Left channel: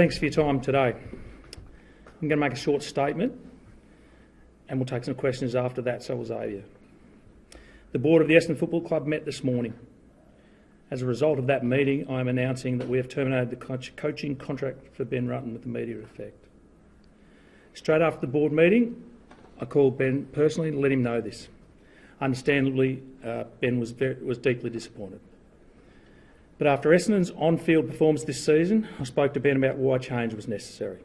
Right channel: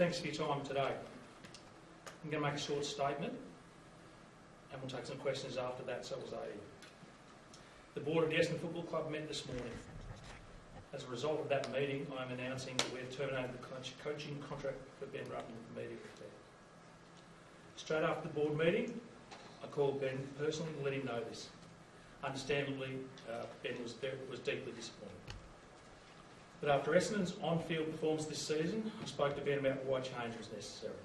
Thanks for your time today. I'm going to make a short statement and we'll take some questions after that, so will Xavier. The board of the Essendon Football Club met this morning. As a result of that meeting, I am announcing that we have terminated the coaching contract for Ben Rutten with immediate effect. Straight after the board meeting, I called Ben personally to let him know this. Understandably, Ben was deeply disappointed. But after Essendon's on-field performance this season, I spoke to Ben about why change was necessary.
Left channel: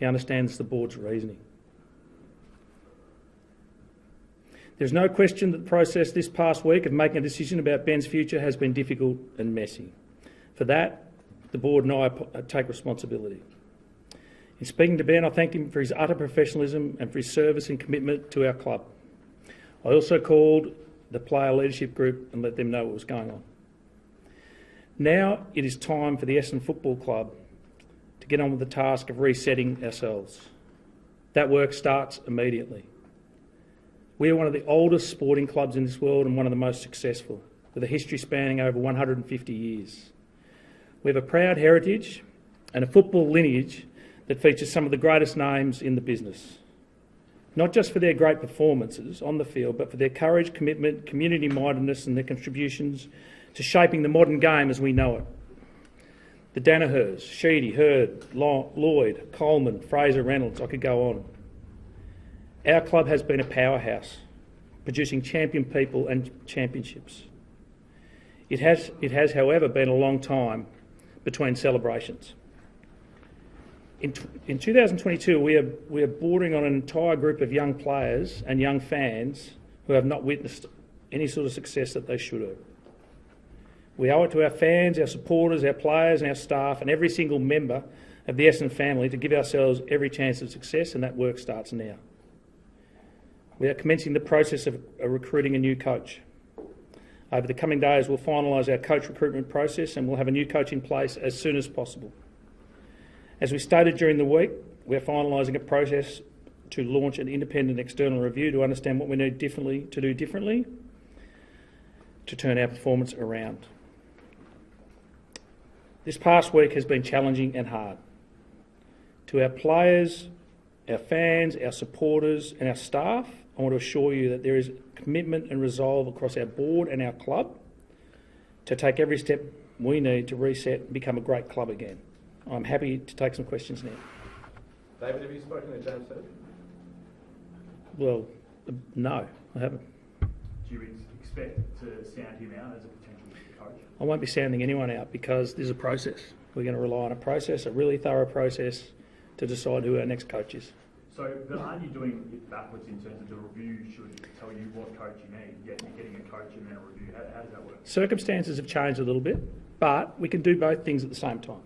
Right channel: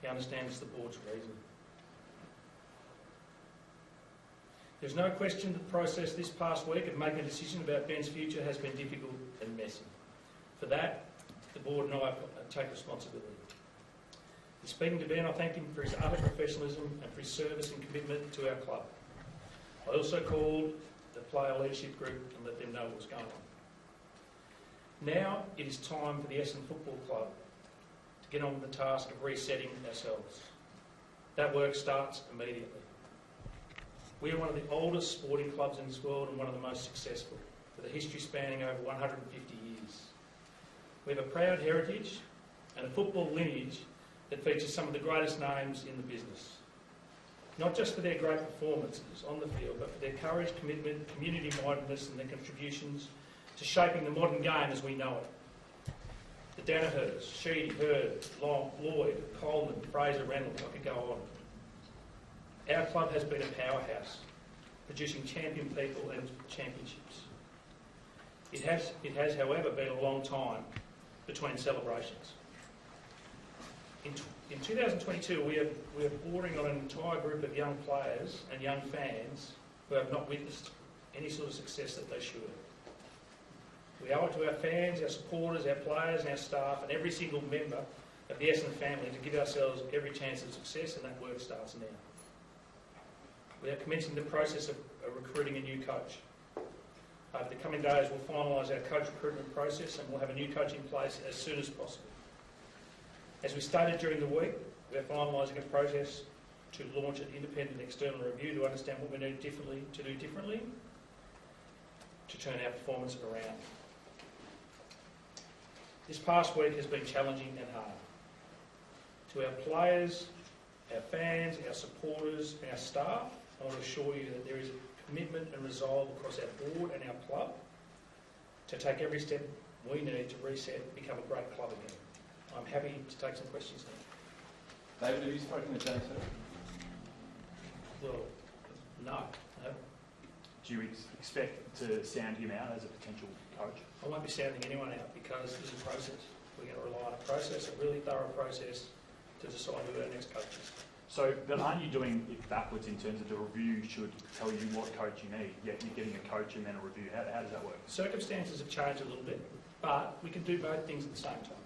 He understands the board's reasoning. There's no question that the process this past week of making a decision about Ben's future has been difficult and messy. For that, the board and I take responsibility. In speaking to Ben, I thanked him for his utter professionalism and for his service and commitment to our club. I also called the player leadership group and let them know what was going on. Now it is time for the Essendon Football Club to get on with the task of resetting ourselves. That work starts immediately. We are one of the oldest sporting clubs in this world and one of the most successful, with a history spanning over 150 years. We have a proud heritage and a football lineage that features some of the greatest names in the business. Not just for their great performances on the field, but for their courage, commitment, community-mindedness and their contributions to shaping the modern game as we know it. The Danahers, Sheedy, Hurd, Lloyd, Coleman, Fraser, Reynolds, I could go on. Our club has been a powerhouse, producing champion people and championships. It has, however, been a long time between celebrations. In 2022, we are bordering on an entire group of young players and young fans who have not witnessed any sort of success that they should have. We owe it to our fans, our supporters, our players and our staff and every single member of the Essendon family to give ourselves every chance of success, and that work starts now. We are commencing the process of recruiting a new coach. Over the coming days, we'll finalise our coach recruitment process and we'll have a new coach in place as soon as possible. As we stated during the week, we are finalising a process to launch an independent external review to understand what we need to do differently to turn our performance around. This past week has been challenging and hard. To our players, our fans, our supporters and our staff, I want to assure you that there is commitment and resolve across our board and our club to take every step we need to reset and become a great club again. I'm happy to take some questions now. David, have you spoken to James? Well, no, I haven't. Do you expect to sound him out as a potential coach? I won't be sounding anyone out because there's a process. We're going to rely on a process, a really thorough process, to decide who our next coach is. So, but aren't you doing it backwards in terms of the review should tell you what coach you need, yet you're getting a coach and then a review? How does that work? Circumstances have changed a little bit, but we can do both things at the same time.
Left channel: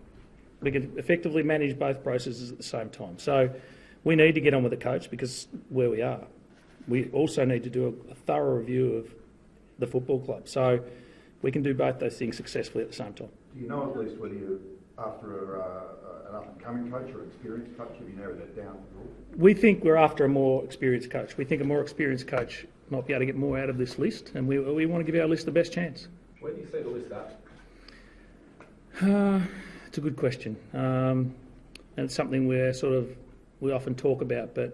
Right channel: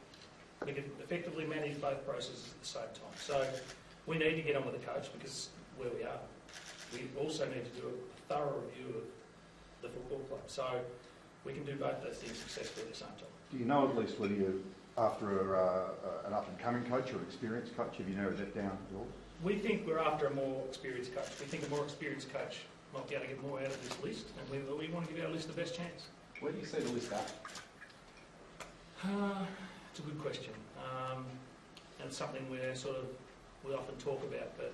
We can effectively manage both processes at the same time. So we need to get on with the coach because where we are. We also need to do a thorough review of the football club. So we can do both those things successfully at the same time. Do you know at least whether you're after an up-and-coming coach or experienced coach? Have you narrowed that down at all? We think we're after a more experienced coach. We think a more experienced coach might be able to get more out of this list, and we want to give our list the best chance. Where do you see the list at? It's a good question. And it's something we often talk about, but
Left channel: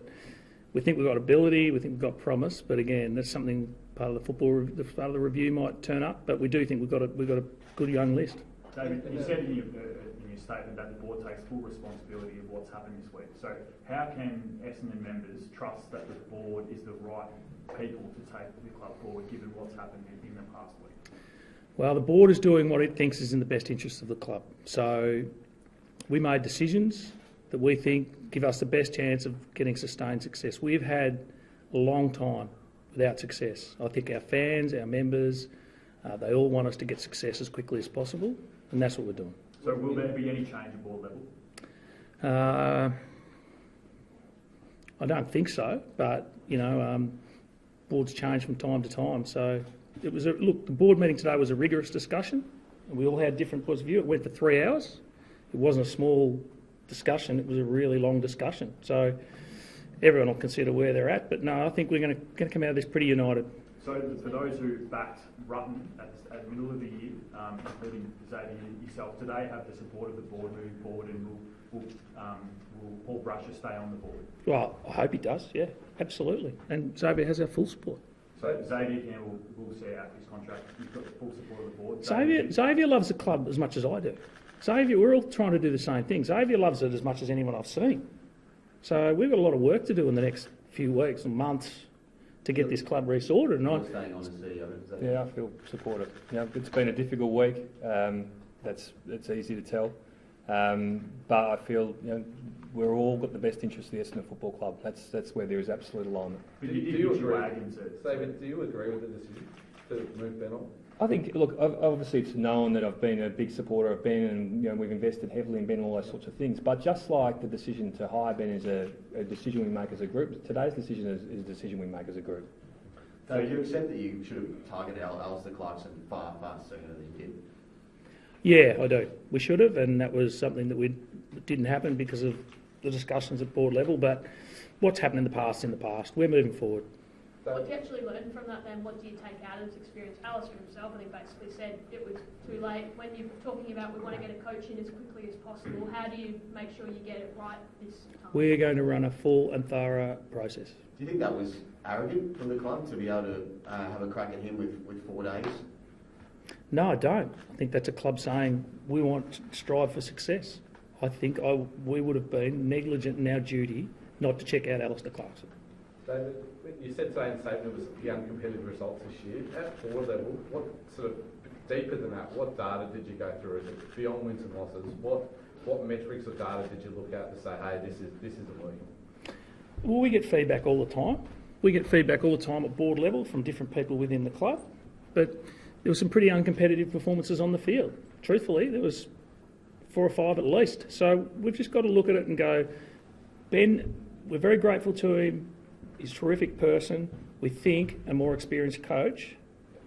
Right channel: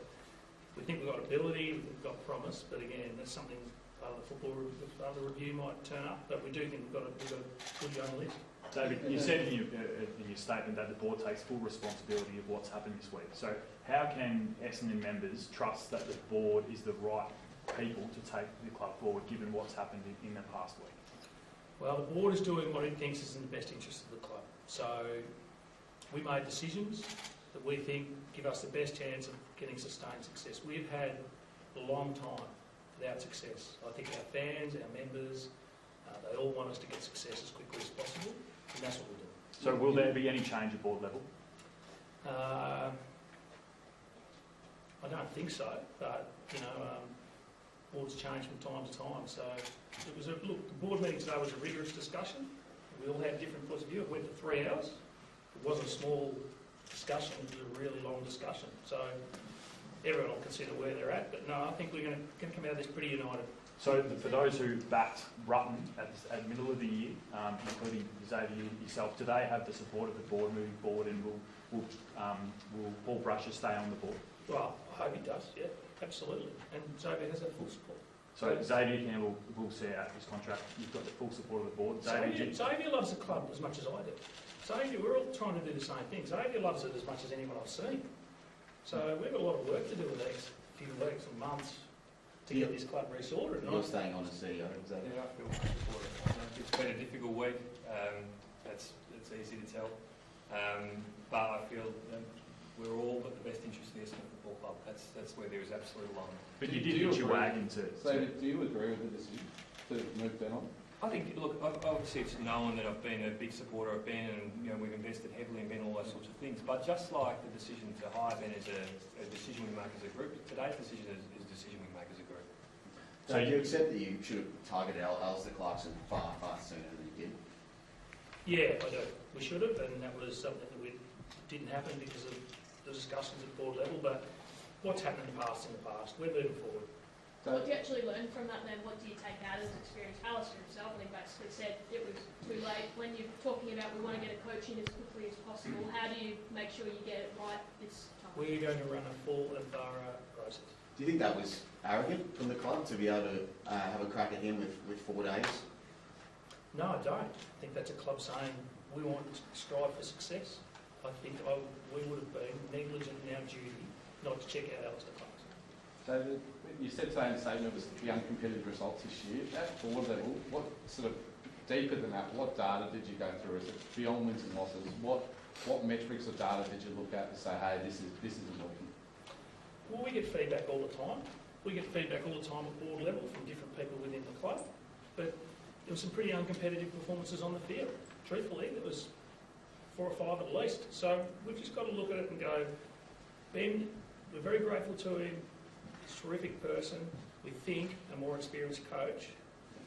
we think we've got ability, we think we've got promise, but again, that's something part of the review might turn up, but we do think we've got a good young list. David, you said in your statement that the board takes full responsibility of what's happened this week. So how can Essendon members trust that the board is the right people to take the club forward given what's happened in the past week? Well, the board is doing what it thinks is in the best interest of the club. So we made decisions that we think give us the best chance of getting sustained success. We've had a long time without success. I think our fans, our members, they all want us to get success as quickly as possible, and that's what we're doing. So will there be any change at board level? I don't think so, but, boards change from time to time. So it was the board meeting today was a rigorous discussion. We all had different points of view. It went for 3 hours. It wasn't a small discussion. It was a really long discussion. So everyone will consider where they're at. But no, I think we're going to come out of this pretty united. So for those who backed Rutten at the middle of the year, including Xavier yourself, do they have the support of the board moving forward, and will Paul Brusher stay on the board? Well, I hope he does, yeah, absolutely. And Xavier has our full support. So Xavier Campbell will see out his contract. You've got the full support of the board. Xavier loves the club as much as I do. Xavier, we're all trying to do the same thing. Xavier loves it as much as anyone I've seen. So we've got a lot of work to do in the next few weeks and months to get this club resorted. You're staying on as CEO. Yeah, I feel supportive. It's been a difficult week. That's easy to tell. But I feel we're all got the best interest of the Essendon Football Club. That's where there is absolute alignment. But you did pitch your wagon to... David, do you agree with the decision to move Ben on? I think, look, obviously it's known that I've been a big supporter of Ben, and we've invested heavily in Ben, all those sorts of things. But just like the decision to hire Ben is a decision we make as a group, today's decision is a decision we make as a group. So do you accept that you should have targeted Alistair Clarkson far sooner than you did? Yeah, I do. We should have, and that was something that didn't happen because of the discussions at board level. But what's happened in the past, we're moving forward. So what do you actually learn from that then? What do you take out of this experience? Alistair himself, I think, basically said it was too late. When you're talking about we want to get a coach in as quickly as possible, how do you make sure you get it right this time? We're going to run a full and thorough process. Do you think that was arrogant from the club to be able to have a crack at him with 4 days? No, I don't. I think that's a club saying we want to strive for success. I think we would have been negligent in our duty not to check out Alistair Clarkson. David, you said today in the statement it was the uncompetitive results this year. At board level, what sort of deeper than that, what data did you go through? Is it beyond wins and losses? What metrics or data did you look at to say, hey, this isn't working? Well, we get feedback all the time. We get feedback all the time at board level from different people within the club. But there were some pretty uncompetitive performances on the field. Truthfully, there was 4 or 5 at least. So we've just got to look at it and go, Ben, we're very grateful to him. He's a terrific person. We think a more experienced coach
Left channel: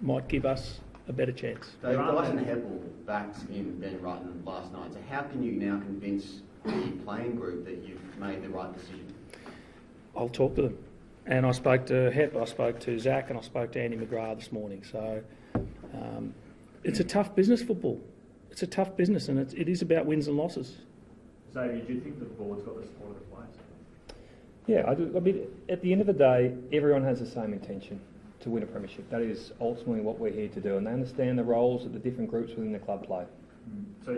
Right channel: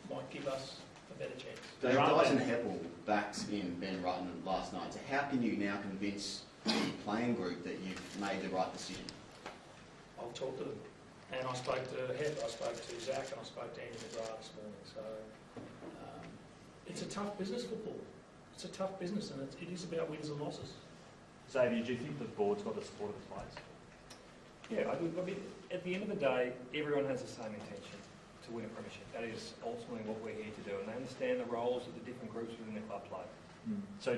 might give us a better chance. Dave Dyson Heppel backed in Ben Rutten last night. So how can you now convince the playing group that you've made the right decision? I'll talk to them. And I spoke to Hep, I spoke to Zach, and I spoke to Andy McGrath this morning. So it's a tough business, football. It's a tough business, and it is about wins and losses. Xavier, do you think the board's got the support of the players? Yeah, I do. I mean, at the end of the day, everyone has the same intention to win a premiership. That is ultimately what we're here to do, and they understand the roles that the different groups within the club play. So,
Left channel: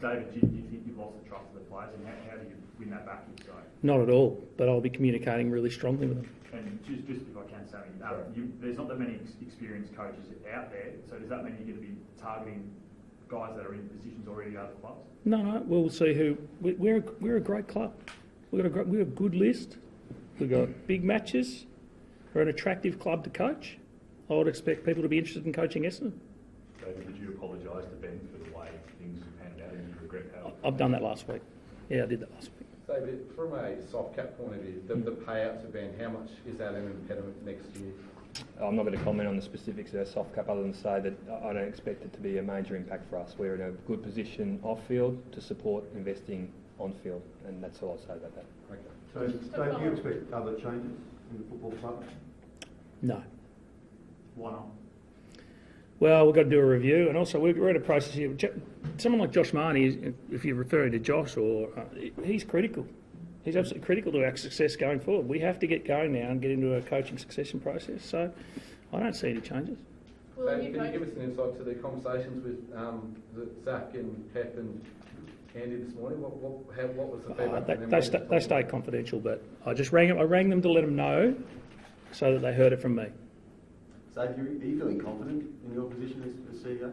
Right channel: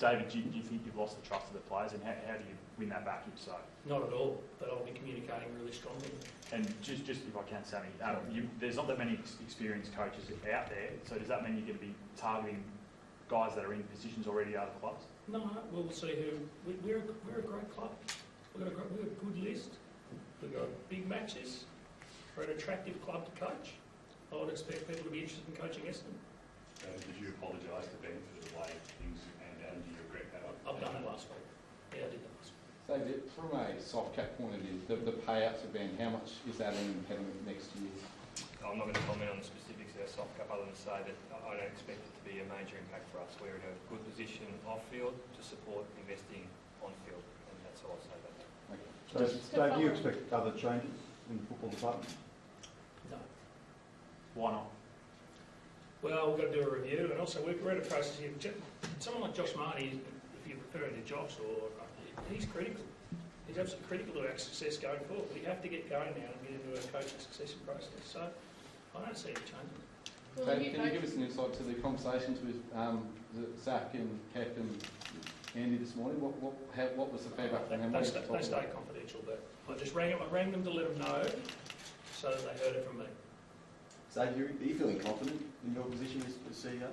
David, do you think you've lost the trust of the players, and how do you win that back if so? Not at all, but I'll be communicating really strongly with them. And just if I can, Sammy, there's not that many experienced coaches out there, so does that mean you're going to be targeting guys that are in positions already out of clubs? No, we'll see who. We're a great club. We're a good list. We've got big matches. We're an attractive club to coach. I would expect people to be interested in coaching Essendon. David, would you apologise to Ben for the way things have panned out and you regret that? I've done that last week. Yeah, I did that last week. David, from a soft cap point of view, the payout to Ben, how much is that an impediment next year? I'm not going to comment on the specifics of our soft cap other than say that I don't expect it to be a major impact for us. We're in a good position off-field to support investing on-field, and that's all I'll say about that. Okay. So, Dave, do you expect other changes in the football club? No. Why not? Well, we've got to do a review, and also we're at a process here. Someone like Josh Marnie, if you're referring to Josh, he's critical. He's absolutely critical to our success going forward. We have to get going now and get into a coaching succession process. So I don't see any changes. Well, Can you give us an insight to the conversations with Zach and Pep and Andy this morning? What was the feedback? They stay confidential, but I just rang them to let them know so that they heard it from me. Xavier, are you feeling confident in your position as CEO?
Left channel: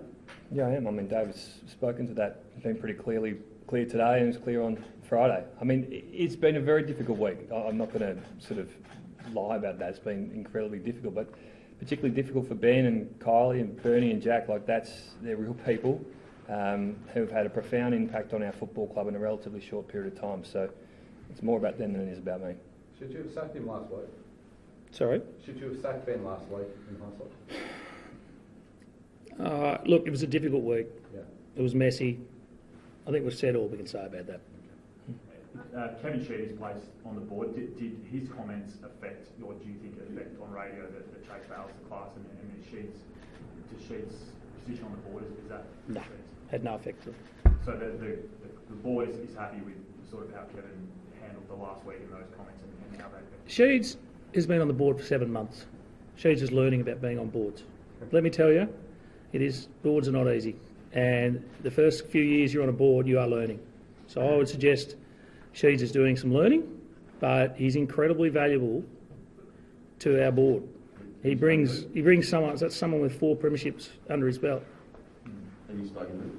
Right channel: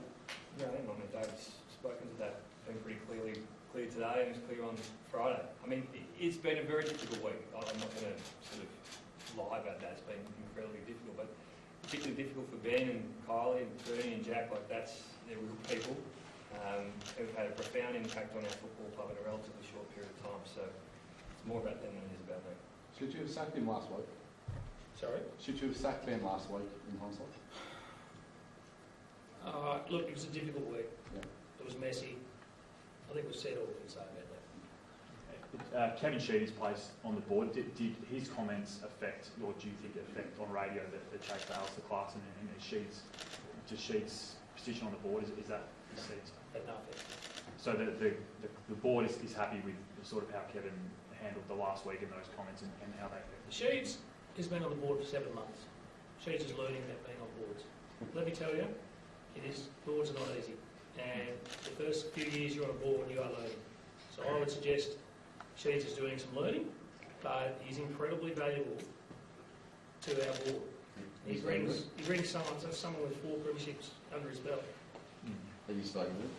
Yeah, I am. I mean, David's spoken to that. It's been pretty clear today, and it's clear on Friday. I mean, it's been a very difficult week. I'm not going to sort of lie about that. It's been incredibly difficult, but particularly difficult for Ben and Kylie and Bernie and Jack. Like, they're real people who've had a profound impact on our football club in a relatively short period of time. So it's more about them than it is about me. Should you have sacked him last week? Sorry? Should you have sacked Ben last week in hindsight? Look, it was a difficult week. Yeah. It was messy. I think we've said all we can say about that. Kevin Sheedy's place on the board, did his comments affect, or do you think affect on radio that Chase Dale's the class and Sheed's position on the board? Is that No. Had no effect. So the board is happy with sort of how Kevin handled the last week and those comments and how they affect? Sheeds has been on the board for 7 months. Sheeds is learning about being on boards. Let me tell you, boards are not easy. And the first few years you're on a board, you are learning. So I would suggest Sheeds is doing some learning, but he's incredibly valuable to our board. He brings someone with 4 premierships under his belt. Have you spoken to him?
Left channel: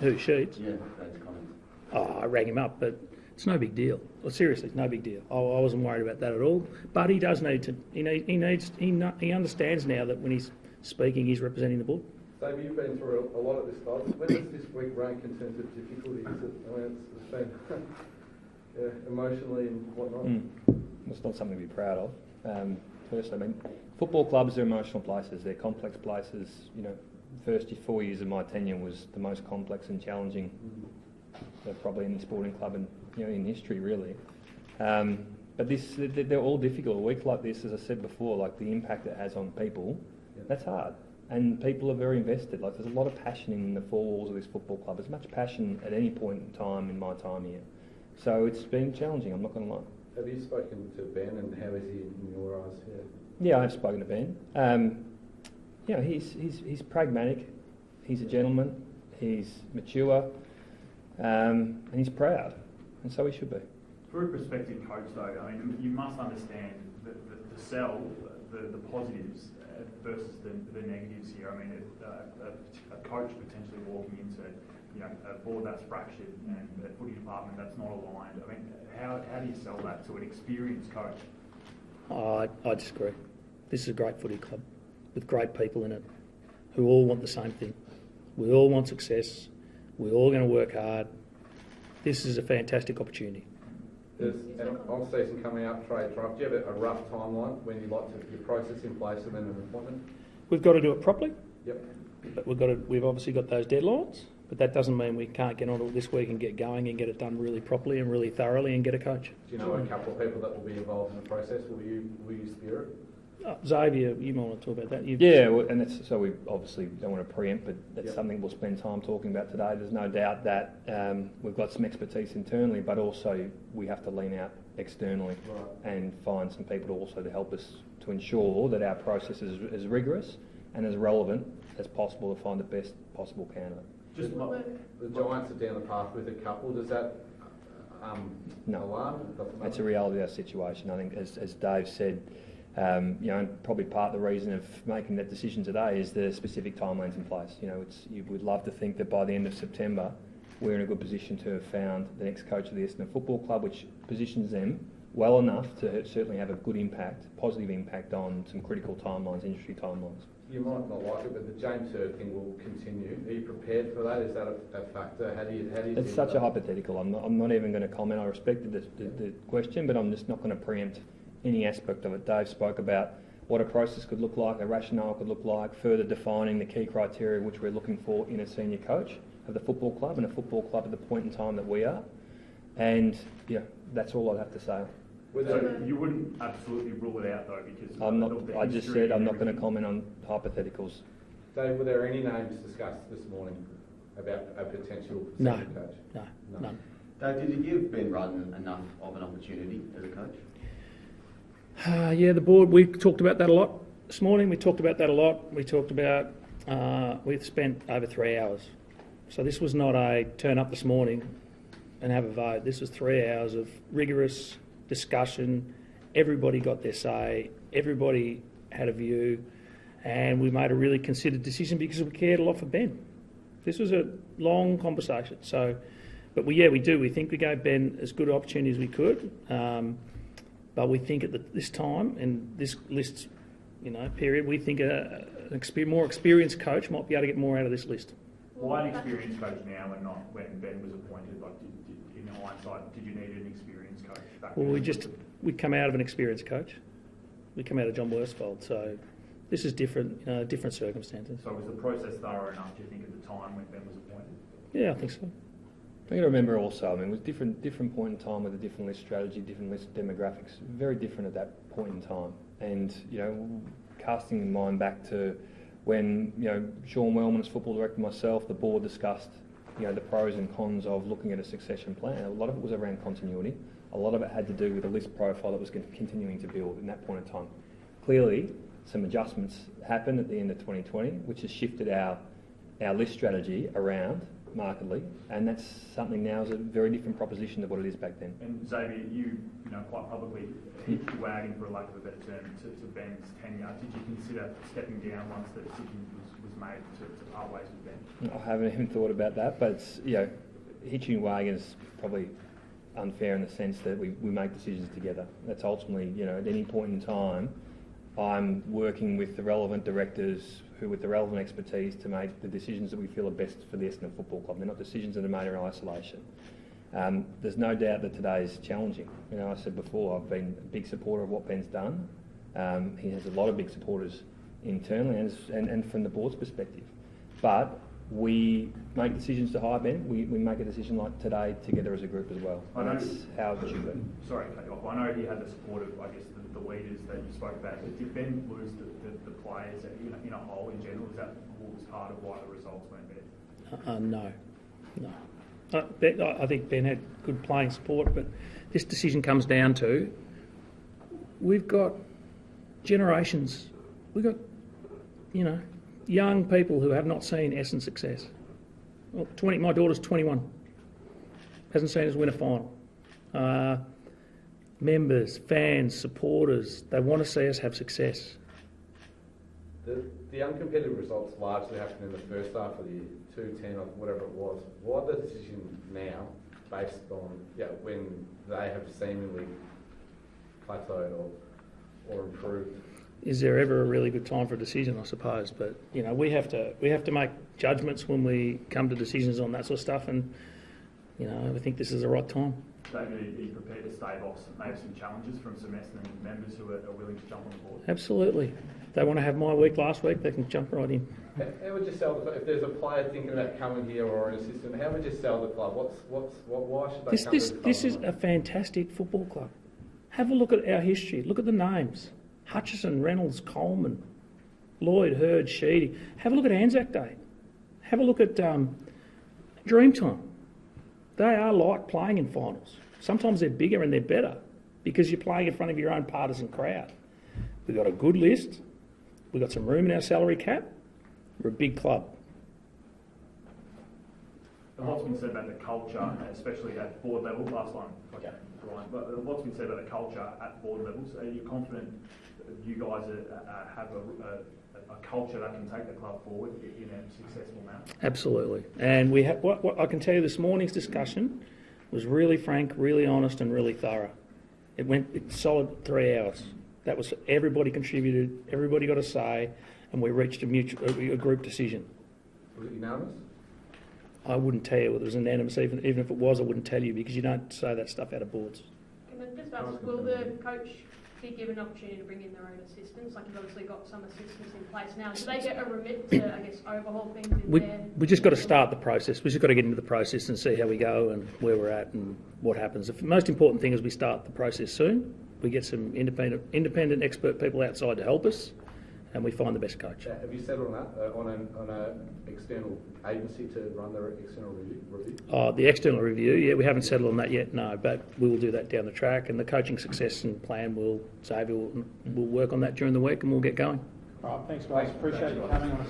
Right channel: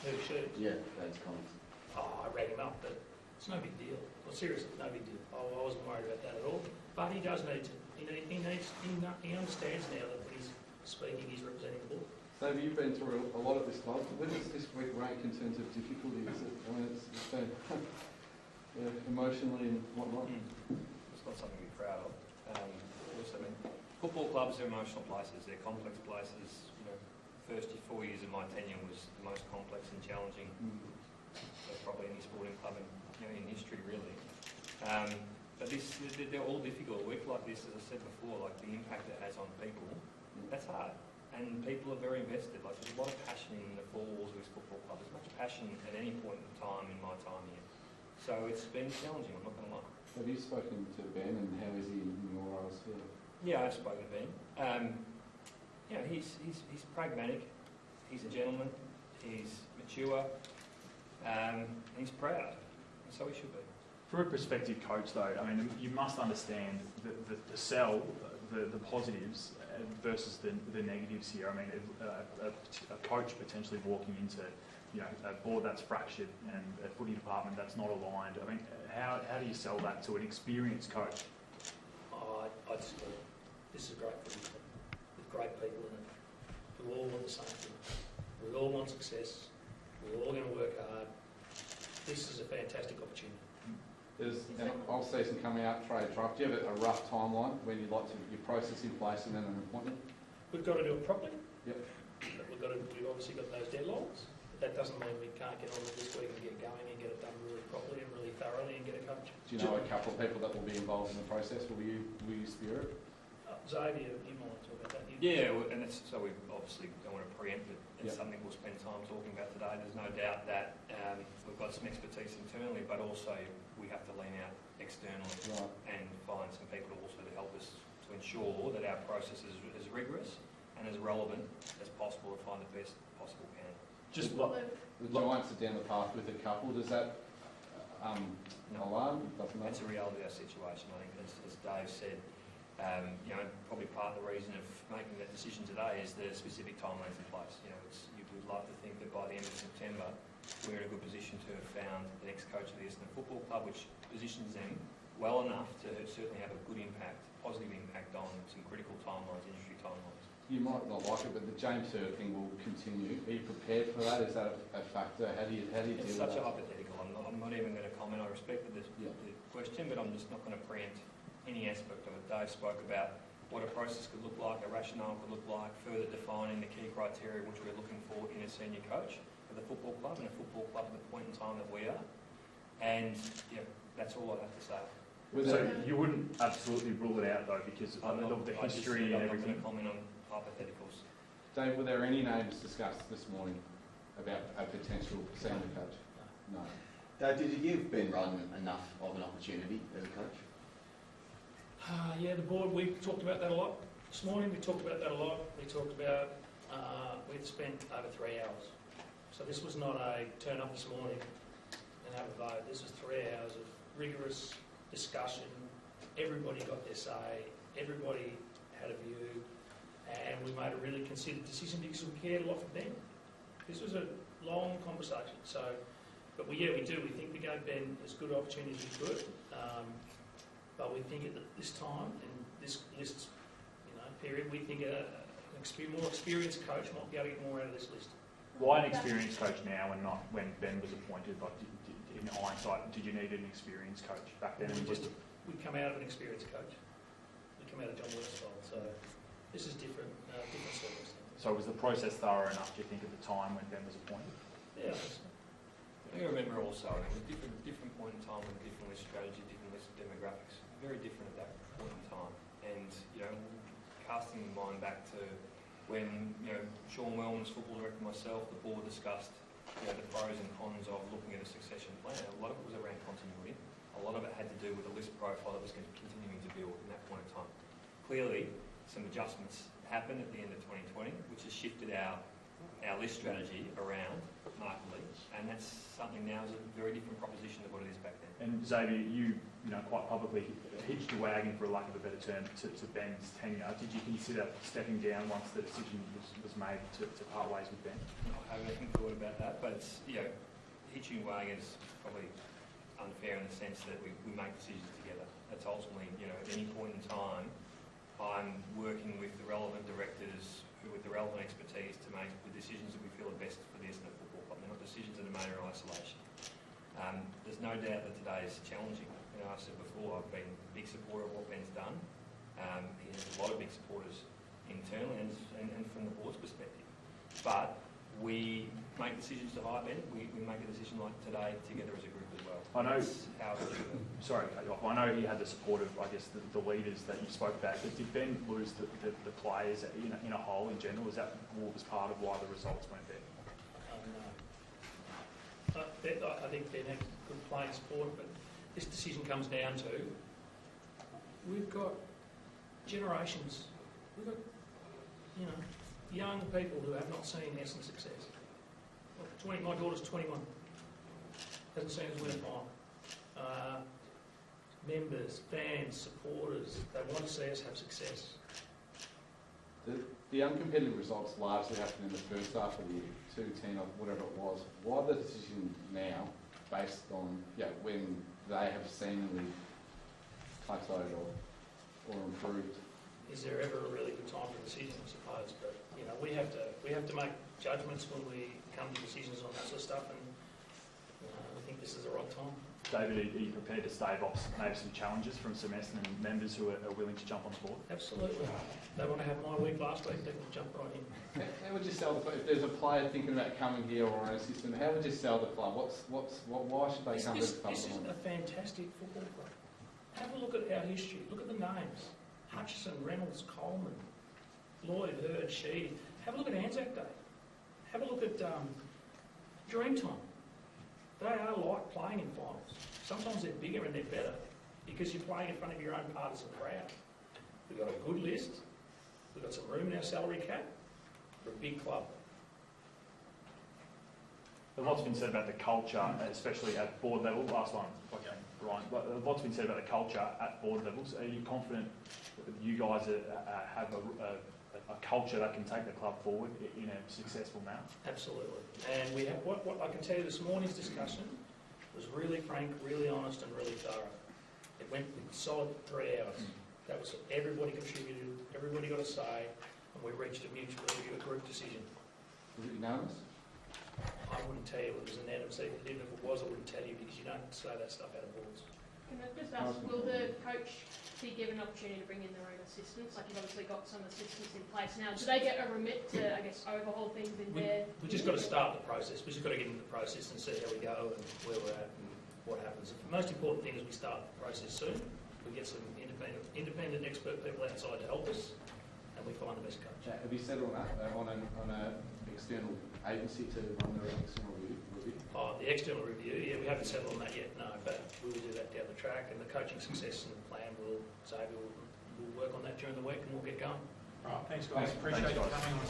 Who, Sheeds? Yeah, that's comments. Oh, I rang him up, but it's no big deal. Well, seriously, no big deal. I wasn't worried about that at all. But he does need to. He understands now that when he's speaking, he's representing the board. Xavier, you've been through a lot of this, guys. Where does this week rank in terms of difficulty? It's been emotionally and whatnot. It's not something to be proud of. First, football clubs are emotional places. They're complex places. First 4 years of my tenure was the most complex and challenging of probably any sporting club in history, really. But they're all difficult. A week like this, as I said before, like the impact it has on people, that's hard. And people are very invested. Like there's a lot of passion in the 4 walls of this football club. There's much passion at any point in time in my time here. So it's been challenging, I'm not going to lie. Have you spoken to Ben and how is he in your eyes? Yeah, I've spoken to Ben. He's pragmatic. He's a gentleman. He's mature. And he's proud. And so he should be. For a prospective coach, though, you must understand the sell, the positives versus the negatives here. A coach potentially walking into a board that's fractured and a footy department that's not aligned. How do you sell that to an experienced coach? I disagree. This is a great footy club with great people in it who all want the same thing. We all want success. We're all going to work hard. This is a fantastic opportunity. There's an off-season coming up, trade drive. Do you have a rough timeline when you'd like to get your process in place and then an appointment? We've got to do it properly. Yep. But we've obviously got those deadlines, but that doesn't mean we can't get on it this week and get going and get it done really properly and really thoroughly and get a coach. Do you know a couple of people that will be involved in the process? Will you steer it? Xavier, you might want to talk about that. So we obviously don't want to preempt, but that's something we'll spend time talking about today. There's no doubt that we've got some expertise internally, but also we have to lean out externally and find some people also to help us to ensure that our process is as rigorous and as relevant as possible to find the best possible candidate. Just the Giants are down the path with a couple. Does that alarm? That's a reality of our situation. I think, as Dave said, probably part of the reason of making that decision today is the specific timelines in place. You would love to think that by the end of September, we're in a good position to have found the next coach of the Essendon Football Club, which positions them well enough to certainly have a good impact, positive impact on some critical timelines, industry timelines. You might not like it, but the James Hird thing will continue. Are you prepared for that? Is that a factor? How do you It's such a hypothetical. I'm not even going to comment. I respected the question, but I'm just not going to preempt any aspect of it. Dave spoke about what a process could look like, a rationale could look like, further defining the key criteria which we're looking for in a senior coach of the football club and a football club at the point in time that we are. And that's all I'd have to say. So you wouldn't absolutely rule it out though, because I just said I'm not going to comment on hypotheticals. Dave, were there any names discussed this morning about a potential senior coach? No. Dave, did you give Ben Rutten enough of an opportunity as a coach? The board, we talked about that a lot this morning. We talked about that a lot. We talked about, we've spent over 3 hours. So this was not a turn up this morning and have a vote. This was 3 hours of rigorous discussion. Everybody got their say. Everybody had a view. And we made a really considered decision because we cared a lot for Ben. This was a long conversation. So, but we do. We think we gave Ben as good an opportunity as we could. But we think at this time and this list, period, we think a more experienced coach might be able to get more out of this list. Why an experienced coach now and not when Ben was appointed? In hindsight, did you need an experienced coach back then? Well, we come out of an experienced coach. We come out of John Worsfold, so this is different circumstances. So was the process thorough enough, do you think, at the time when Ben was appointed? Yeah, I think so. You got to remember also, I mean, with different point in time with a different list strategy, different list demographics, very different at that point in time. And, you know, casting in mind back to when, you know, Sean Wellman as football director, myself, the board discussed, you know, the pros and cons of looking at a succession plan. A lot of it was around continuity. A lot of it had to do with a list profile that was continuing to build in that point in time. Clearly, some adjustments happened at the end of 2020, which has shifted our list strategy around markedly, and that's something now is a very different proposition to what it is back then. And Xavier, you know, quite publicly hitched your wagon, for lack of a better term, to Ben's tenure. Did you consider stepping down once the decision was made to part ways with Ben? I haven't even thought about that, but it's, you know, hitching wagon is probably unfair in the sense that we make decisions together. That's ultimately, you know, at any point in time, I'm working with the relevant directors who with the relevant expertise to make the decisions that we feel are best for the Essendon Football Club. They're not decisions that are made in isolation. There's no doubt that today is challenging. You know, I said before, I've been a big supporter of what Ben's done. He has a lot of big supporters internally and from the board's perspective. But we make decisions to hire Ben. We make a decision like today together as a group as well. I know. That's how it should be. Sorry to cut you off. I know he had the support of, I guess, the leaders that you spoke about. But did Ben lose the players in a whole in general? Is that what was part of why the results weren't there? No. I think Ben had good playing support, but this decision comes down to we've got generations. We've got, you know, young people who have not seen Essendon success. Well, my daughter's 21. Hasn't seen us win a final. Members, fans, supporters, they want to see us have success. The uncompetitive results largely happened in the first half of the year, 2-10 or whatever it was. Why the decision now, based on when they have seemingly plateaued or improved? Is there ever a really good time for a decision? I suppose, but you know, we have to make judgments when we come to decisions on that sort of stuff, and you know, I think this is the right time. David, are you prepared to stave off maybe some challenges from some Essendon members who are willing to jump on the board? Absolutely. If they want to have my week last week, they can jump right in. How would you sell the club? If there's a player thinking about coming here or an assistant, how would you sell the club? Why should they come to the club? This is a fantastic football club. Have a look at our history. Look at the names. Hutchison, Reynolds, Coleman, Lloyd, Hurd, Sheedy. Have a look at Anzac Day. Have a look at Dreamtime. They are like playing in finals. Sometimes they're bigger and they're better because you're playing in front of your own partisan crowd. We've got a good list. We've got some room in our salary cap. We're a big club. And what's been said about the culture, especially at board level, last one, okay, Ryan, but what's been said about the culture at board levels? Are you confident that you guys have a culture that can take the club forward in a successful manner? Absolutely. And we have, what I can tell you, this morning's discussion was really frank, really honest and really thorough. It went solid 3 hours. That was, everybody contributed, everybody got a say, and we reached a group decision. Was it unanimous? I wouldn't tell you whether it was unanimous, even if it was, I wouldn't tell you because you don't say that stuff out of boards. Can I just ask, will the coach be given an opportunity to bring in their own assistants? Like you've obviously got some assistants in place now. Do they get a remit to, I guess, overhaul things in there? We just got to start the process. We just got to get into the process and see how we go and where we're at and what happens. The most important thing is we start the process soon. We get some independent expert people outside to help us, and we find the best coach. Have you settled on that, on an external agency to run the external review? The external review, we haven't settled on that yet, no, but we will do that down the track, and the coaching success and plan Xavier will work on that during the week, and we'll get going. All right, thanks guys. Appreciate you coming on.